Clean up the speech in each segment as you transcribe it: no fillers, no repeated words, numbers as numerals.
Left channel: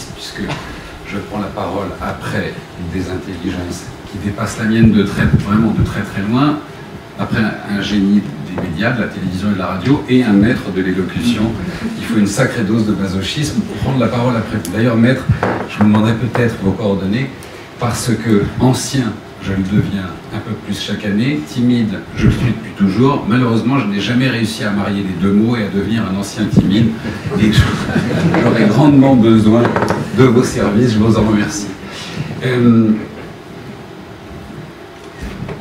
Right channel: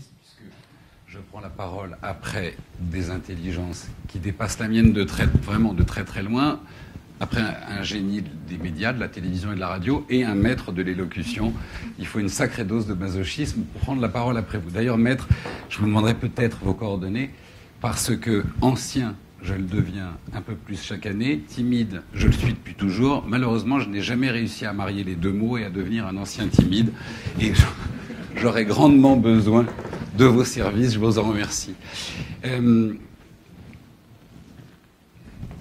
masochiste, puisque je prends la parole après des intelligences qui dépassent la mienne vraiment de très très loin, après un génie des médias, de la télévision et de la radio, et un maître de l'élocution. Il faut une sacrée dose de masochisme pour prendre la parole après vous. D'ailleurs, maître, je vous demanderai peut-être vos coordonnées, parce que ancien, je le deviens un peu plus chaque année, timide, je le suis depuis toujours. Malheureusement, je n'ai jamais réussi à marier les deux mots et à devenir un ancien timide. Et j'aurais grandement besoin de vos services, je vous en remercie.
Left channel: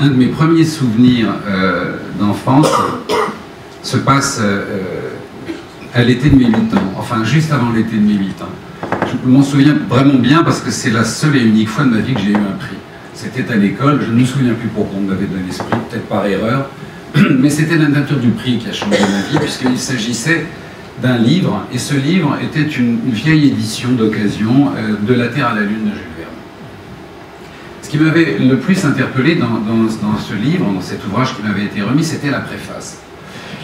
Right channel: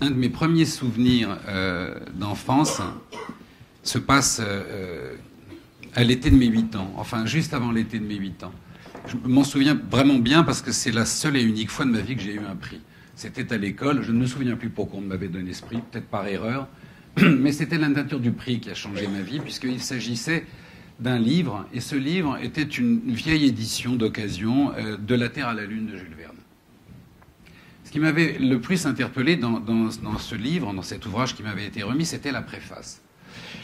Un de mes premiers souvenirs d'enfance se passe à l'été de mes 8 ans, enfin juste avant l'été de mes 8 ans. Je m'en souviens vraiment bien parce que c'est la seule et unique fois de ma vie que j'ai eu un prix. C'était à l'école, je ne me souviens plus pourquoi on m'avait donné ce prix, peut-être par erreur, mais c'était la nature du prix qui a changé ma vie, puisqu'il s'agissait d'un livre, et ce livre était une vieille édition d'occasion de La Terre à la Lune de Jules Verne. Ce qui m'avait le plus interpellé dans ce livre, dans cet ouvrage qui m'avait été remis, c'était la préface.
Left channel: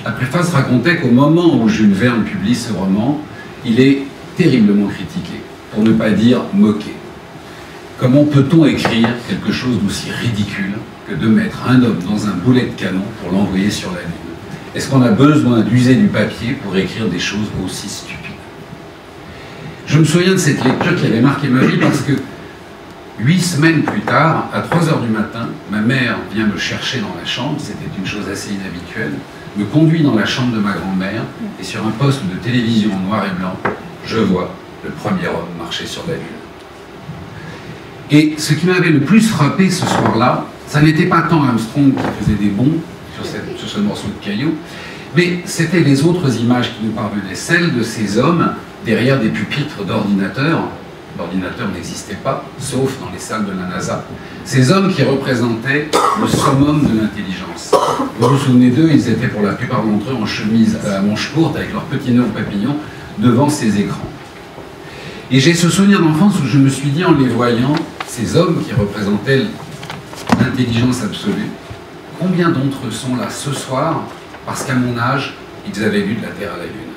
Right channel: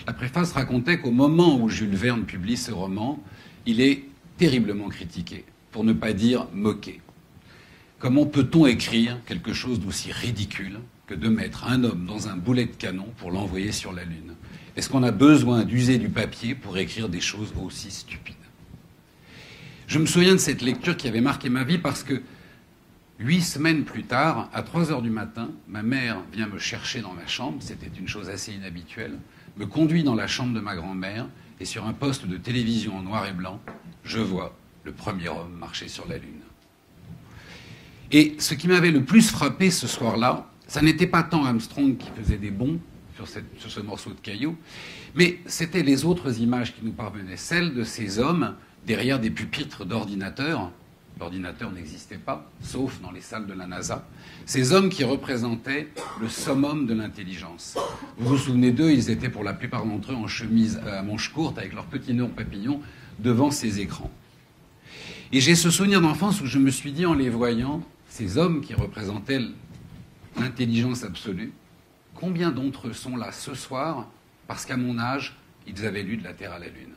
La préface racontait qu'au moment où Jules Verne publie ce roman, il est terriblement critiqué, pour ne pas dire moqué. Comment peut-on écrire quelque chose d'aussi ridicule que de mettre un homme dans un boulet de canon pour l'envoyer sur la Lune? Est-ce qu'on a besoin d'user du papier pour écrire des choses aussi stupides? Je me souviens de cette lecture qui avait marqué ma vie parce que 8 semaines plus tard, à 3 h du matin, ma mère vient me chercher dans la chambre, c'était une chose assez inhabituelle, me conduit dans la chambre de ma grand-mère et sur un poste de télévision en noir et blanc, je vois le premier homme marcher sur la Lune. Et ce qui m'avait le plus frappé ce soir-là, ça n'était pas tant Armstrong qui faisait des bonds sur ce morceau de caillou, mais c'était les autres images qui nous parvenaient, celles de ces hommes derrière des pupitres d'ordinateurs. L'ordinateur n'existait pas, sauf dans les salles de la NASA. Ces hommes qui représentaient le summum de l'intelligence. Vous vous souvenez d'eux, ils étaient pour la plupart d'entre eux en chemise à manches courtes avec leurs petits nœuds papillons devant ces écrans. Et j'ai ce souvenir d'enfance où je me suis dit en les voyant, ces hommes qui représentaient l'intelligence absolue, combien d'entre eux sont là ce soir parce qu'à mon âge, ils avaient lu de la Terre à la Lune?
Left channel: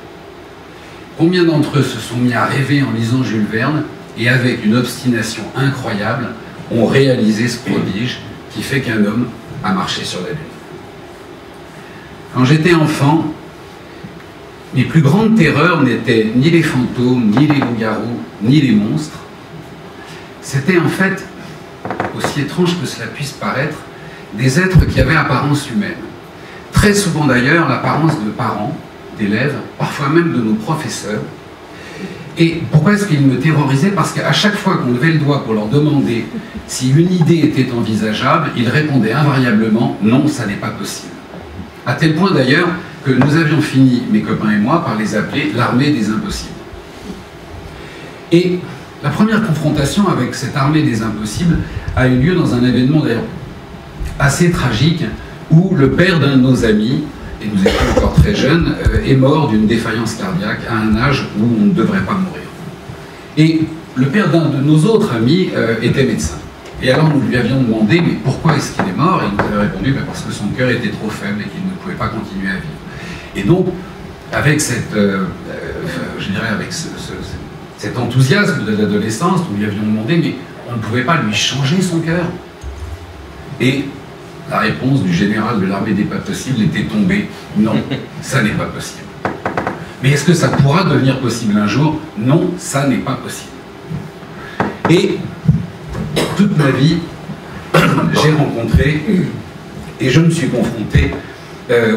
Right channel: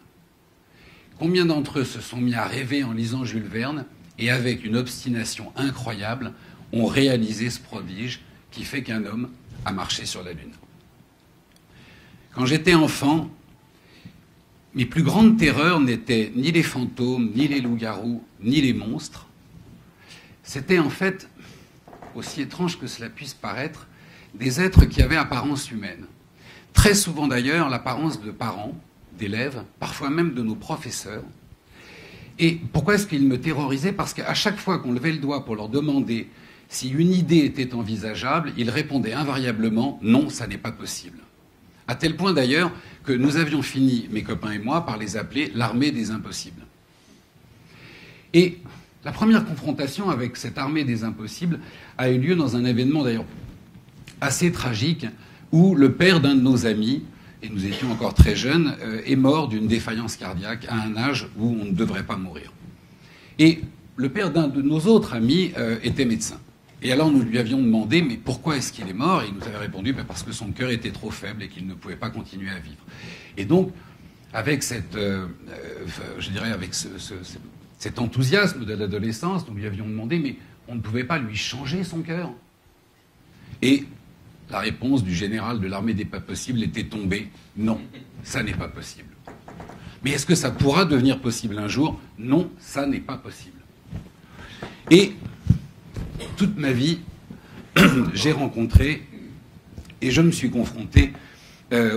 Combien d'entre eux se sont mis à rêver en lisant Jules Verne et avec une obstination incroyable ont réalisé ce prodige qui fait qu'un homme a marché sur la Lune? Quand j'étais enfant, mes plus grandes terreurs n'étaient ni les fantômes, ni les loups-garous, ni les monstres. C'était en fait, aussi étrange que cela puisse paraître, des êtres qui avaient apparence humaine. Très souvent d'ailleurs, l'apparence de parents, d'élèves, parfois même de nos professeurs. Et pourquoi est-ce qu'ils me terrorisaient? Parce qu'à chaque fois qu'on levait le doigt pour leur demander si une idée était envisageable, ils répondaient invariablement « non, ça n'est pas possible ». À tel point d'ailleurs que nous avions fini, mes copains et moi, par les appeler l'armée des impossibles. Et la première confrontation avec cette armée des impossibles a eu lieu dans un événement d'ailleurs assez tragique où le père d'un de nos amis, et nous étions encore très jeunes, est mort d'une défaillance cardiaque à un âge où on ne devrait pas mourir. Et le père d'un de nos autres amis était médecin. Et alors nous lui avions demandé, mais pourquoi est-ce qu'il est mort? Et il nous avait répondu, parce que son cœur était trop faible et qu'il ne pouvait pas continuer à vivre. Et donc, avec cette, je dirais, avec cet enthousiasme de l'adolescence, nous lui avions demandé, mais on ne pouvait pas lui changer son cœur? Et la réponse du général de l'armée des pas possibles était tombée. Non, ça n'est pas possible. Mais est-ce que ça pourra devenir possible un jour? Non, ça n'est pas possible. Et toute ma vie, j'ai rencontré et je me suis confronté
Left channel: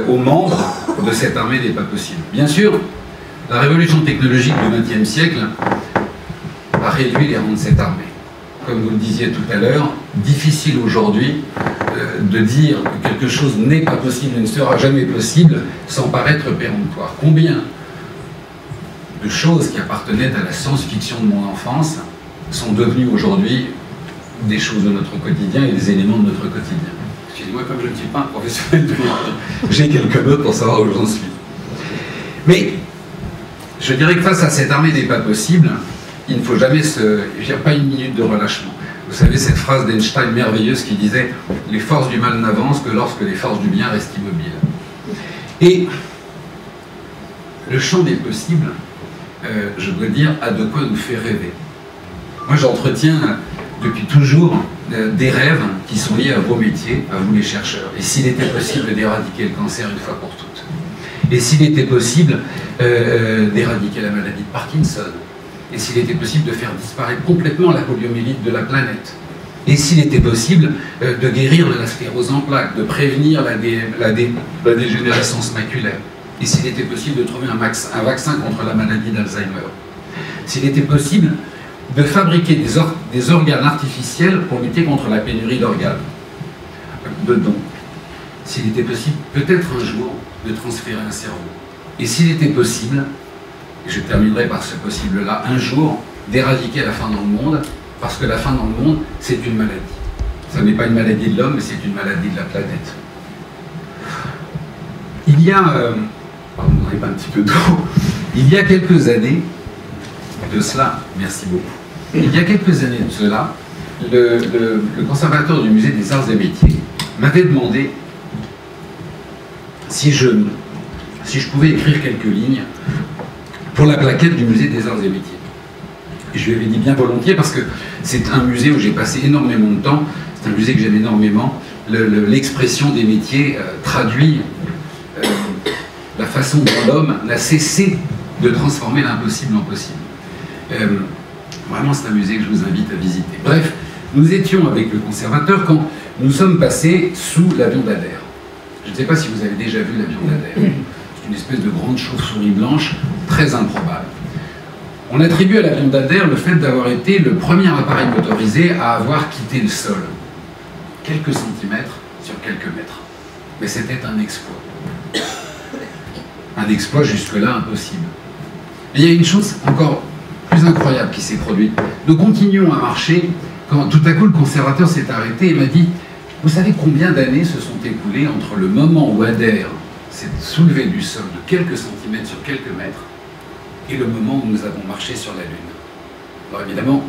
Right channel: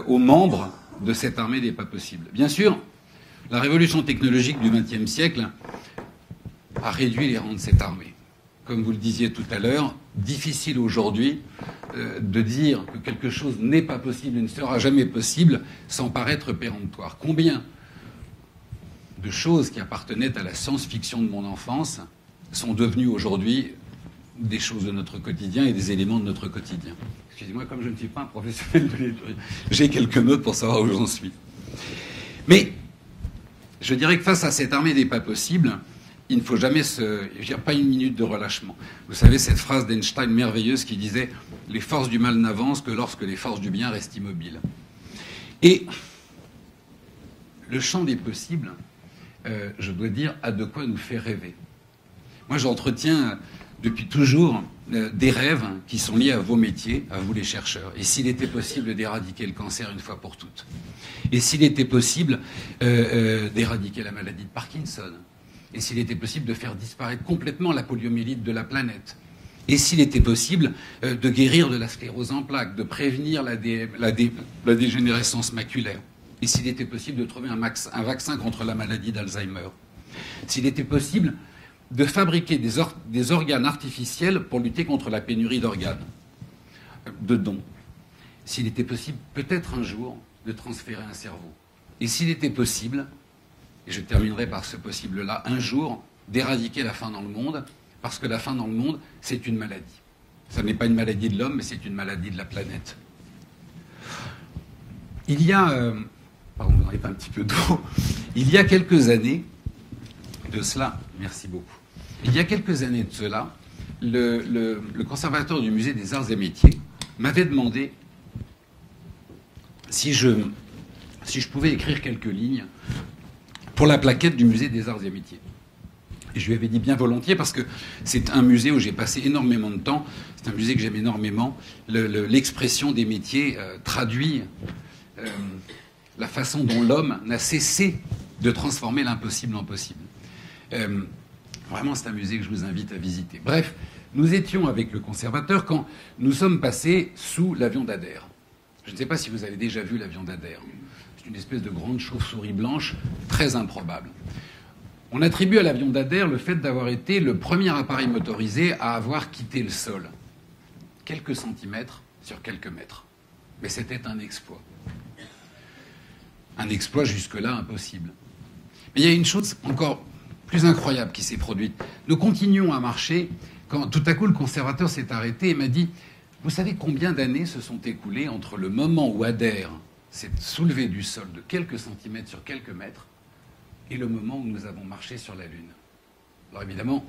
aux membres de cette armée des pas possibles. Bien sûr, la révolution technologique du XXe siècle a réduit les rangs de cette armée. Comme vous le disiez tout à l'heure, difficile aujourd'hui de dire que quelque chose n'est pas possible et ne sera jamais possible sans paraître péremptoire. Combien de choses qui appartenaient à la science-fiction de mon enfance sont devenues aujourd'hui des choses de notre quotidien et des éléments de notre quotidien. Excusez-moi, comme je ne suis pas un professionnel de l'art, j'ai quelques notes pour savoir où j'en suis. Mais je dirais que face à cette armée des pas possibles, il ne faut jamais il n'y a pas une minute de relâchement. Vous savez cette phrase d'Einstein merveilleuse qui disait « Les forces du mal n'avancent que lorsque les forces du bien restent immobiles ». Et le champ des possibles, je dois dire, a de quoi nous faire rêver. Moi, j'entretiens depuis toujours des rêves qui sont liés à vos métiers, à vous les chercheurs. Et s'il était possible d'éradiquer le cancer une fois pour toutes. Et s'il était possible d'éradiquer la maladie de Parkinson. Et s'il était possible de faire disparaître complètement la poliomyélite de la planète. Et s'il était possible de guérir de la sclérose en plaques, de prévenir la dégénérescence maculaire. Et s'il était possible de trouver un vaccin contre la maladie d'Alzheimer. S'il était possible de fabriquer des organes artificiels pour lutter contre la pénurie d'organes, de dons. S'il était possible, peut-être un jour, de transférer un cerveau. Et s'il était possible, et je terminerai par ce possible-là, un jour, d'éradiquer la faim dans le monde, parce que la faim dans le monde, c'est une maladie. Ça n'est pas une maladie de l'homme, mais c'est une maladie de la planète. Il y a... pardon, on n'arrive pas un petit peu d'eau. Il y a quelques années de cela, merci beaucoup. Il y a quelques années de cela, le conservateur du musée des Arts et Métiers m'avait demandé si je pouvais écrire quelques lignes pour la plaquette du musée des Arts et Métiers. Et je lui avais dit bien volontiers parce que c'est un musée où j'ai passé énormément de temps, c'est un musée que j'aime énormément. L'expression des métiers traduit la façon dont l'homme n'a cessé de transformer l'impossible en possible. Vraiment, c'est un musée que je vous invite à visiter. Bref, nous étions avec le conservateur quand nous sommes passés sous l'avion d'Ader. Je ne sais pas si vous avez déjà vu l'avion d'Ader. C'est une espèce de grande chauve-souris blanche, très improbable. On attribue à l'avion d'Ader le fait d'avoir été le premier appareil motorisé à avoir quitté le sol. Quelques centimètres sur quelques mètres. Mais c'était un exploit. Un exploit jusque-là impossible. Et il y a une chose encore plus incroyable qui s'est produite. Nous continuons à marcher quand tout à coup le conservateur s'est arrêté et m'a dit « Vous savez combien d'années se sont écoulées entre le moment où Adair s'est soulevé du sol de quelques centimètres sur quelques mètres et le moment où nous avons marché sur la Lune ?» Alors évidemment,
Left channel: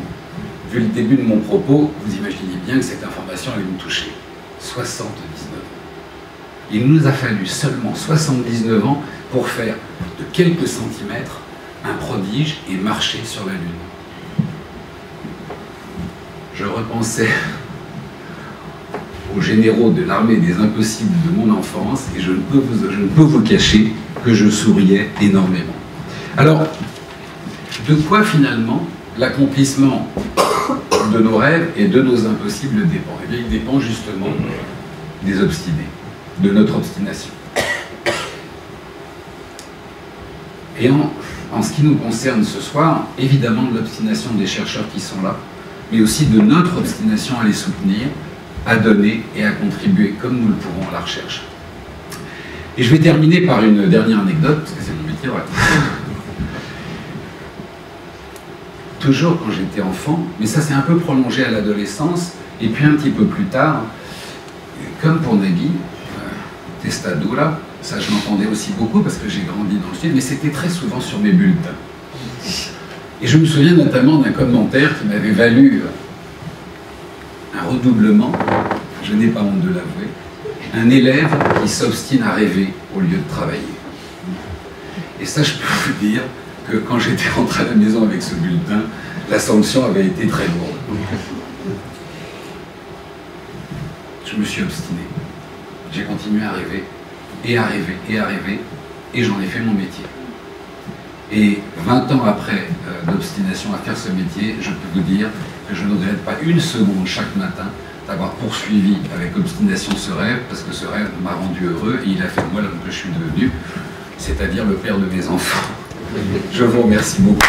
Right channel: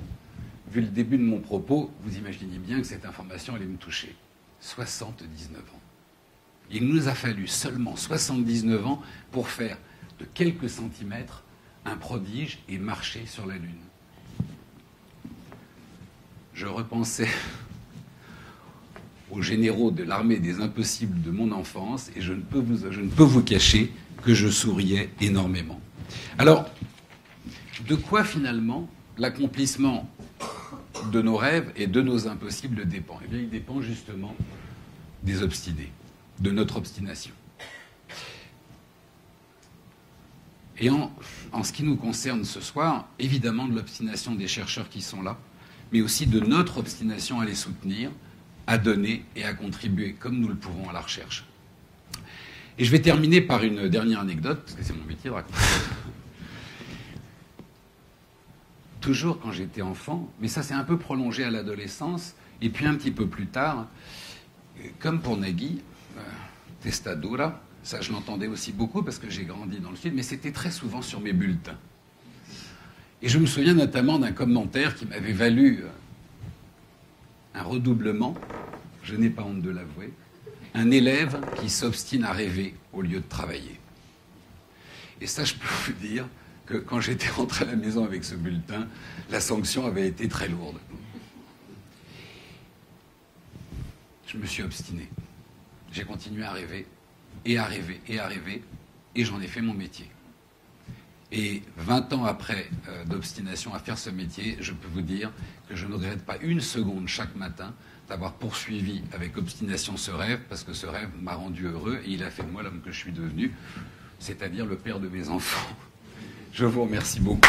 vu le début de mon propos, vous imaginez bien que cette information allait me toucher. 79 ans. Il nous a fallu seulement 79 ans pour faire de quelques centimètres un prodige et marcher sur la Lune. Je repensais aux généraux de l'armée des impossibles de mon enfance et je ne peux vous cacher que je souriais énormément. Alors, de quoi finalement l'accomplissement de nos rêves et de nos impossibles dépend? Eh bien, il dépend justement des obstinés, de notre obstination. Et en ce qui nous concerne ce soir, évidemment de l'obstination des chercheurs qui sont là, mais aussi de notre obstination à les soutenir, à donner et à contribuer comme nous le pourrons à la recherche. Et je vais terminer par une dernière anecdote, parce que c'est mon métier, ouais. Toujours quand j'étais enfant, mais ça s'est un peu prolongé à l'adolescence, et puis un petit peu plus tard, comme pour Nagui, Testadura, ça je l'entendais aussi beaucoup parce que j'ai grandi dans le sud, mais c'était très souvent sur mes bulletins. Et je me souviens notamment d'un commentaire qui m'avait valu un redoublement, je n'ai pas honte de l'avouer, un élève qui s'obstine à rêver au lieu de travailler. Et ça, je peux vous dire que quand j'étais rentré à la maison avec ce bulletin, la sanction avait été très lourde. Je me suis obstiné. J'ai continué à rêver, et à rêver, et à rêver, et j'en ai fait mon métier. Et 20 ans après d'obstination à faire ce métier, je peux vous dire que je ne regrette pas une seconde chaque matin d'avoir poursuivi avec obstination ce rêve, parce que ce rêve m'a rendu heureux, et il a fait de moi l'homme que je suis devenu, c'est-à-dire le père de mes enfants. Je vous remercie beaucoup.